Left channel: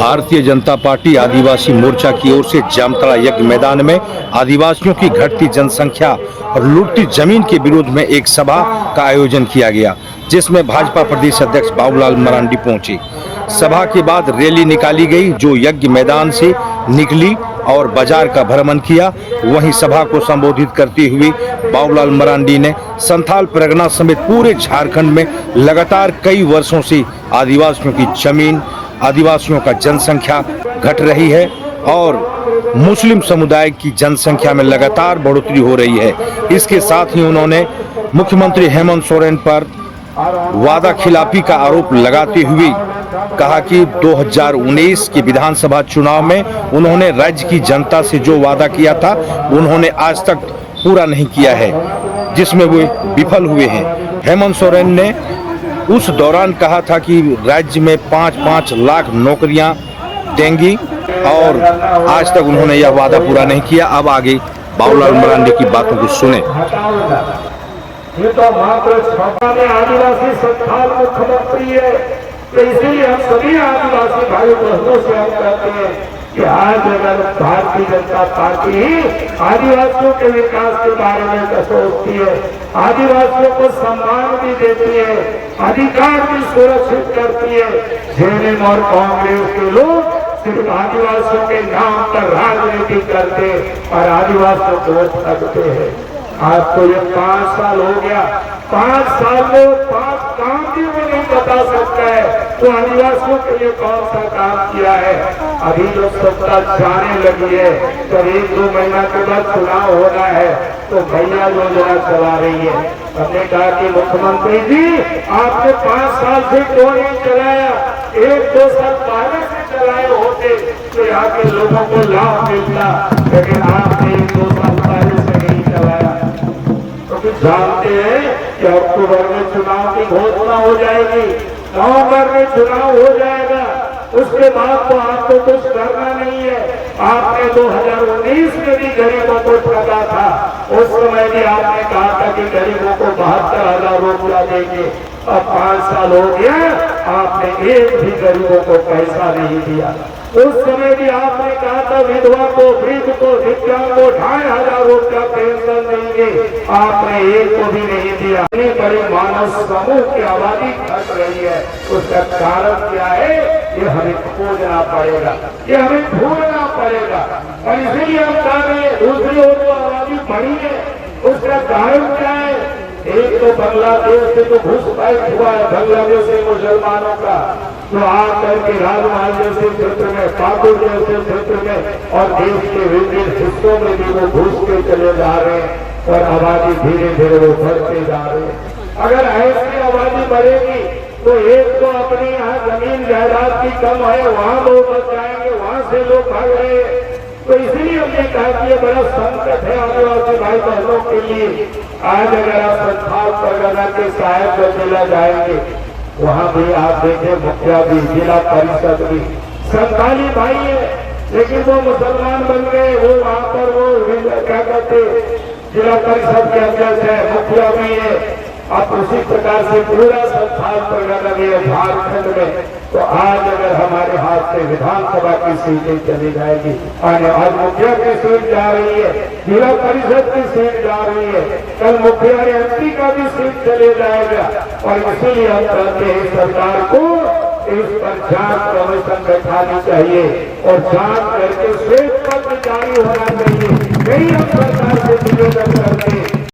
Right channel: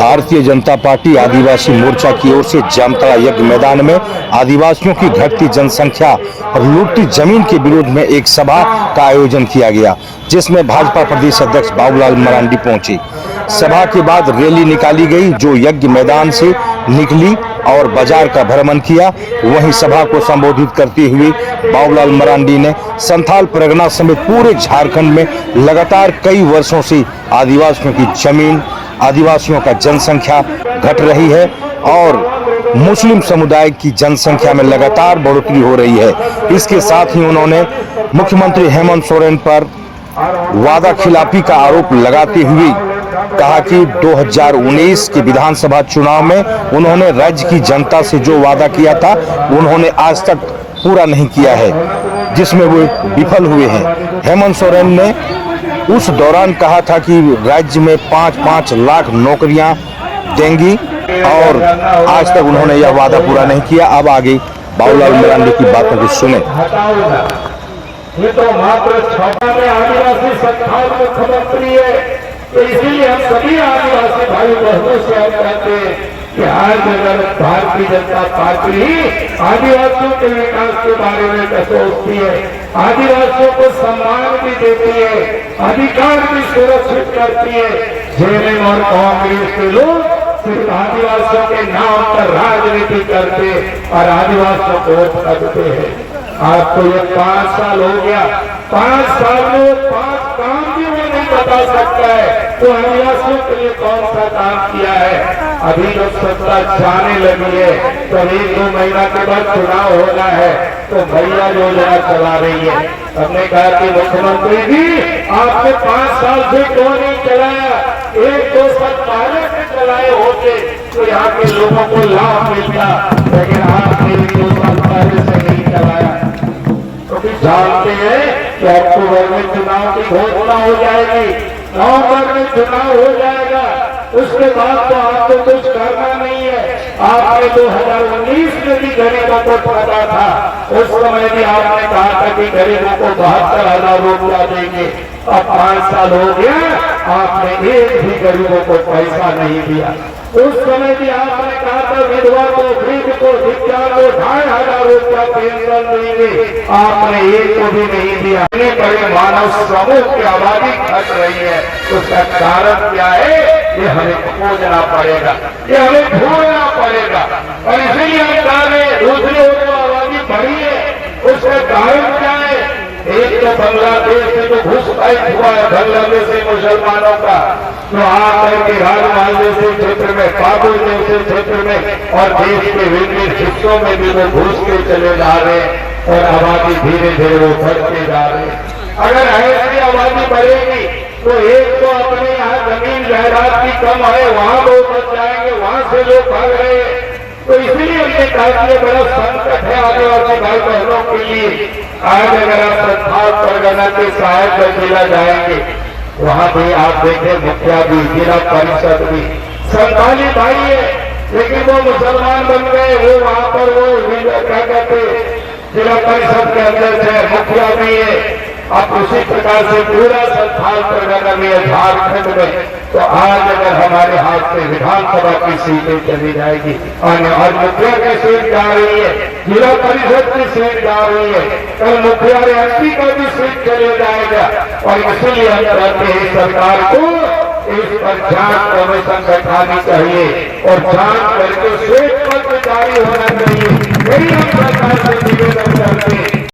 Bharatiya Janata party आदिवासी मोर्चा की ओर से जामताड़ा यज्ञ मैदान में आदिवासियों की घटती जनसंख्या और लूटती जमीन के विरोध में एक सभा का आयोजन किया गया, जिसमें भाजपा प्रदेश अध्यक्ष बाबूलाल मरांडी पहुंचे। सभा के बाद रैली निकाली गई जो यज्ञ मैदान से निकली और बाजार का भ्रमण किया। वहीं सभा को संबोधित करते हुए बाबूलाल मरांडी ने संथाल परगना समेत पूरे झारखंड में लगातार कई वर्षों से आदिवासियों की जमीन, आदिवासियों का जनसंख्या घट रही है और मुस्लिम समुदाय की जनसंख्या में लगातार बढ़ोतरी हो रही है। इसके साथ ही उन्होंने मुख्यमंत्री हेमंत सोरेन पर वादा खिलाफी का आरोप लगाते हुए कहा कि 2019 के विधानसभा चुनाव में उन्होंने राज्य की जनता से जो वादा किया था उन्होंने आज तक पूरा नहीं किया है, जिसमें वो विफल हुए हैं। हेमंत सोरेन ने उस दौरान कहा था कि राज्य में 5-5 लाख नौकरियां देंगी और आज तक उन्होंने यह वादा पूरा नहीं किया। अब आगे बाबूलाल मरांडी की बातों को सुने। ये तो मात्र छपा में आदिवासी संस्थान मुख्यमंत्री है, तो इसीलिए हम सभी आदिवासी भाई बहनों से हम कहते हैं कि आज अगर भारतीय जनता पार्टी ही आदिवासियों के विकास के बारे में सोचती है, आदिवासियों को सम्मान भी देती है, अधिकार भी सुरक्षित करती है, जेएमएम और कांग्रेस के लोग सिर्फ आदिवासियों के नाम पर राजनीति करते और आदिवासियों को वोट करते हैं। आपको ये 5 साल हो गया, 5 साल में 5 काम भी मैं नहीं बता सकता है तो आदिवासियों के लिए कौन सा काम किया है। अभी जो सत्ता जाने लगी है, करीब 2 महीना के बाद चुनाव होना है तो भैया योजना चला रही है। हमने कहा कि मुख्यमंत्री जी आपने 5 साल से क्यों नहीं चलाया, 1-2 साल पहले से चलाए होते तो यहाँ के लोगों को लाभ मिलता, लेकिन आपने 1-2 साल पहले से नहीं चलाया। जानते हैं कि अक्टूबर में चुनाव की घोषणा हो जाएगी, नवंबर में चुनाव हो जाएगा, उसके बाद तो आपको कुछ करना नहीं है। आपने 2019 में भी गरीबों को ठगा था, उस समय भी आपने कहा था कि गरीबों को 72,000 रुपया देंगे। अब 5 साल हो गया, आपने एक भी गरीबों को पैसा नहीं दिया। उस समय भी आपने कहा था विधवा को, वृद्ध को, दिव्यांग को 2,500 रुपया पेंशन देंगे, आपने एक को भी नहीं दिया। बड़े मानव समूह की आबादी घट रही है, उसका कारण क्या है ये हमें खोजना पड़ेगा, ये हमें ढूंढना पड़ेगा। और इसलिए हम कह रहे हैं दूसरी ओर जो आबादी बढ़ी है उसका कारण क्या है। एक तो बांग्लादेश से जो घुसपैठ हुआ है, बांग्लादेश से मुसलमानों का तो आकर के राजमहल जैसे क्षेत्र में, काबुल जैसे क्षेत्र में और देश के विभिन्न हिस्सों में भी वो घुसते चले जा रहे हैं और आबादी धीरे धीरे वो बढ़ते जा रही है। अगर ऐसी आबादी बढ़ेगी तो एक तो अपने यहाँ जमीन जायदाद की कम है, वहाँ लोग बच जाएंगे, वहाँ से लोग भाग रहे हैं। तो इसलिए हमने कहा कि बड़ा संकट है आदिवासी भाई बहनों के लिए। आज अगर आप संथाल परगना के साहेबगंज जिला जाएंगे, वहाँ भी आप देखें मुखिया भी, जिला परिषद भी संथाली भाई है, लेकिन वो मुसलमान बन गए। वो वहाँ पर वो क्या कहते जिला परिषद के अध्यक्ष है, मुखिया भी है। अब उसी प्रकार से पूरा संथाल परगना भी है झारखंड में। तो आज अगर हमारे हाथ से विधानसभा की सीटें चली जाएगी, आज मुखिया की सीट जा रही है, जिला परिषद की सीट जा रही है, कल मुखिया एमपी का भी सीट चले जाएगा। और इसीलिए हम कहते हैं सरकार को इस पर जांच कमीशन बैठानी चाहिए और जांच करके श्वेत पत्र जारी होना